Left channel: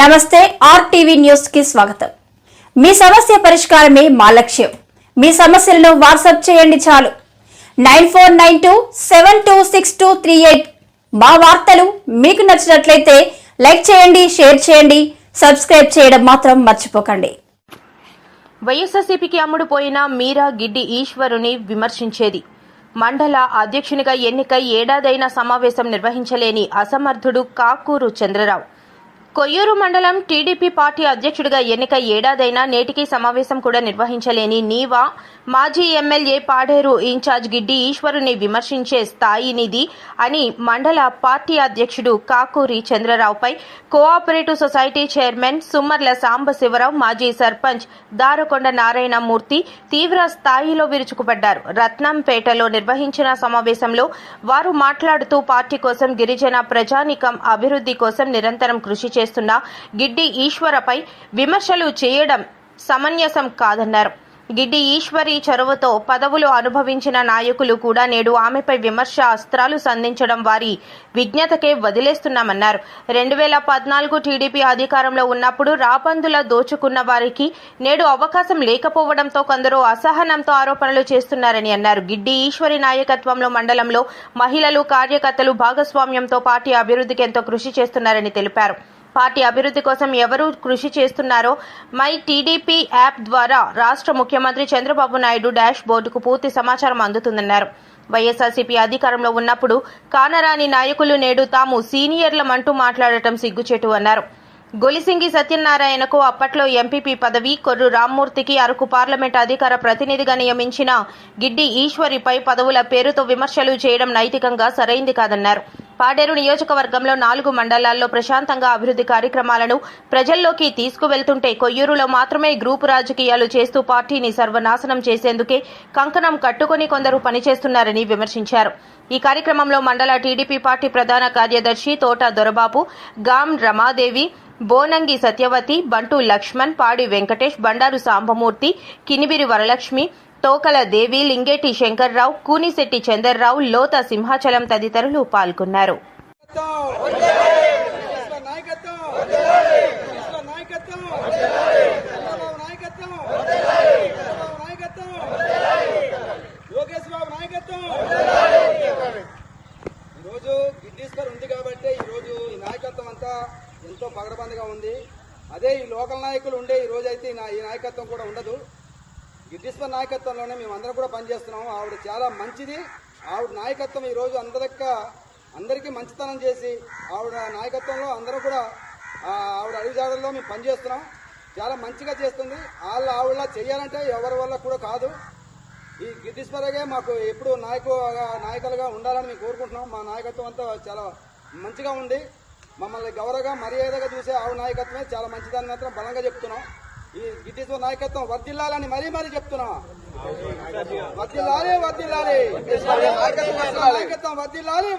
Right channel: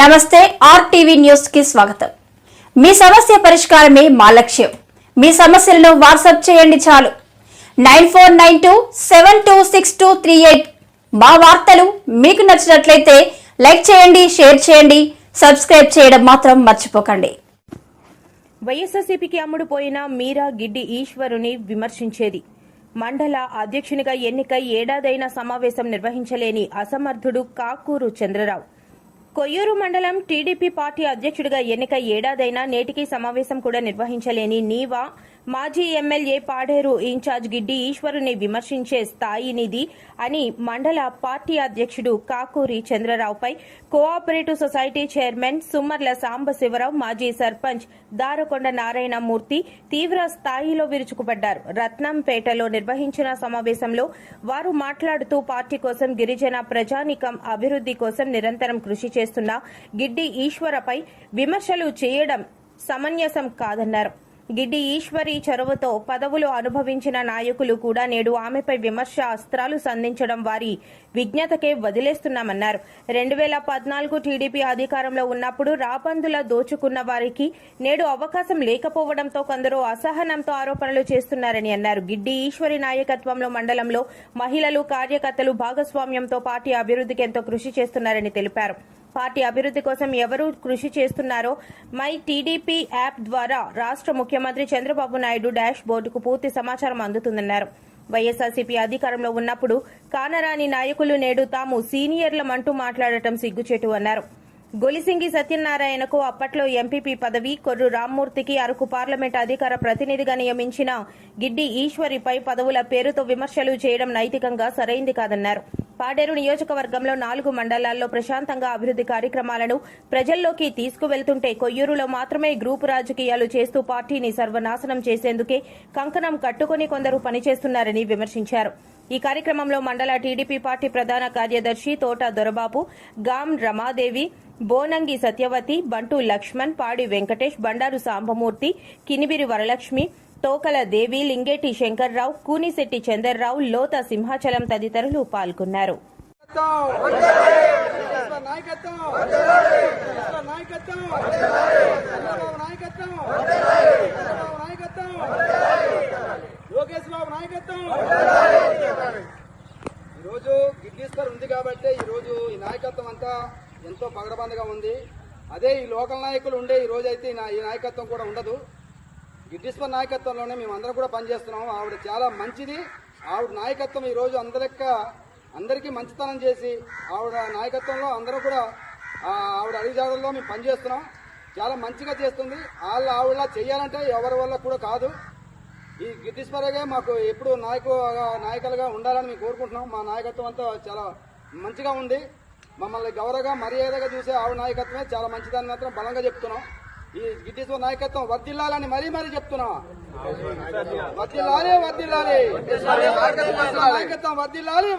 నమస్తే RTV news కి స్వాగతం। మీ సమస్య పరిష్కారమే మా లక్ష్యం। మీ సమస్యలను వాట్సాప్ చేయండి చాలు 9492726238। మా వార్తలు మీకు నచ్చినట్లయితే లైక్ చేయండి, షేర్ చేయండి, సబ్స్క్రైబ్ చేయడం మాత్రం మర్చిపోకండి। వైఎస్ఆర్సీపీకి అమ్ముడుపోయిన మీరా గిడ్డి ఈశ్వరుని విమర్శించేది। మండల అధ్యక్షునిగా ఎన్నికై ఏడాదైన సమావేశం నిర్వహించలేని అసమర్థుడు కాకూరు చంద్రరావు। కొయ్యూరు మండలం టీడీపీ పార్టీ అధ్యక్షుడిగా ఎన్నికై ఏడాదైనా నేటికి సమావేశం కూడా నిర్వహించలేని నీవా మాజీ ఎమ్మెల్యే పాడేరు ఇన్ఛార్జ్ గిడ్డి ఈశ్వరుని విమర్శించే స్థాయినిది అని మండల పార్టీ అధ్యక్షుడు కాకూరి చంద్రరావుపై cooperative society chairman Summarla Sambasivarao, మాజీ సర్పంచ్ దారకొండ నారాయణమూర్తి తీవ్ర స్థాయిలో విరుచుకుపడ్డారు। రత్నంపేటలో నిర్వహించిన సమావేశంలో వారు మాట్లాడుతూ పార్టీ కోసం గిరిజన ప్రజానీకం అభివృద్ధి కోసం నిరంతరం కృషి చేస్తున్న గిడ్డి ఈశ్వరపై విమర్శలు చేయడం సమంజసం కాదన్నారు। గిడ్డి ఈశ్వరి చొరవతో పదవులు అనుభవించిన నాయకులు కూడా నేడు ఆమెపై విమర్శ అస్త్రాలు సంధించడం వారి విజ్ఞతకే వదిలేస్తున్నామన్నారు। 2014 టీడీపీ అధికారంలో ఉన్నప్పుడు రాబందుల దోచుకున్న వారికి నేడు అవకాశం లేకపోవడంతో కొందరు అసహనంతో ఆరోపణలు చేస్తున్నారని అన్నారు। గిడ్డి ఈశ్వరి నాయకత్వంలో మండలంలో మహిళలు, కార్యకర్తలు భాగస్వామ్యంతో పార్టీ అభివృద్ధికి ఎంతో కృషి చేస్తున్నారని తెలిపారు। పార్టీ అభివృద్ధి కోసం ఎవరు కృషి చేస్తున్నారో మై టీడీపీ యాప్ ద్వారా రాష్ట్ర ముఖ్యమంత్రి చంద్రబాబు నాయుడు డాష్ బోర్డుకు పూర్తి సమాచారం అందుతుందన్నారు। వైఎస్ఆర్సీపీ అధికారంలో ఉన్నప్పుడు కానరాని నాయకులు నేడు తాము సీనియర్లమంటూ మాట్లాడటం సిగ్గుచేటు అన్నారు। గొలిసింగి సత్యనారాయణకు అప్పట్లో ఎంపీపీ పదవి, కొర్రు రామ్మూర్తికి అరకు పార్లమెంట్ అధికార ప్రతినిధిగా నియమించిన గిడ్డి ఈశ్వరిపై పదవుల పేరుతో విమర్శలు చేయడం నైతికంగా సరైంది కాదన్నారు। పాడేరు నియోజకవర్గంలో 4 మండలాల్లో ప్రశాంతంగా అభివృద్ధి కార్యక్రమాలను ప్రజల్లోకి తీసుకువెళ్తుంటే కొయ్యూరులో మాత్రమే గ్రూపు రాజకీయాలు చేస్తూ పార్టీని సర్వనాశనం చేసేందుకే కంకణం కట్టుకుని కొందరు పనిచేస్తున్నారని విమర్శించారు। ఈ కార్యక్రమంలో మండల టీడీపీ పార్టీ ప్రధాన కార్యదర్శి తోట దొరబాబు, గాం రమాదేవి, బోనంగి సత్యవతి, బంటు లక్ష్మణ్, పాడి వెంకటేష్, బండారు సాంబమూర్తి, కినిబిరి వరలక్ష్మి, తోకల దేవి, లింగేటి శంకర్రావు, కూనిశెట్టి చందర్రావు, లోత సింహాచలం తదితరులు పాల్గొన్నారు। ఈరోజు గిడ్డీశ్వర్ ఉంది కాబట్టి ఈరోజు ఈ నాయకత్వం అంతా ఎంతో పగడబందగా ఉంది। అదే ఈ లోకల్ నాయకులు ఉండే ఈ రోజు అయితే ఈ నాయకత్వం కూడా ఉండదు। గిడ్డీశ్వర్ నాయకత్వంలోనే మేమందరం కూడా పనిచేస్తున్నాం। ఆవిడ చాలా మంచిది। ఆవిడ నాయకత్వం ఈరోజు అందరికీ మంచితనం చేసి ఆవిడ నాయకత్వంలో అందరూ కూడా ఆవిడ అడుగుజాడల్లో మేము పనిచేస్తున్నాం। చాలా మంచిగా చేస్తుంది। ఆవిడ చేయాలంటే ఎవరి వల్ల కూడా కాదు। ఈ గిడ్డీశ్వరగే మాకు ఎప్పుడు నాయకులుగా ఉండాలని మేము కోరుకుంటున్నాం। మా నాయకత్వం అంతా చాలా మంచిగా ఉంది। మమ్మల్ని గౌరవగా మర్యాదగా చూసే ఆవిడ నాయకత్వమే చాలా మంచిదని మాత్రం బలంగా చెప్తున్నాం। ఈ గిడ్డీశ్వర నాయకత్వం వర్ధిల్లాలని మరీ చెప్తున్నాం। వర్ధిల్లాలి నాయకత్వం వర్ధిల్లాలి।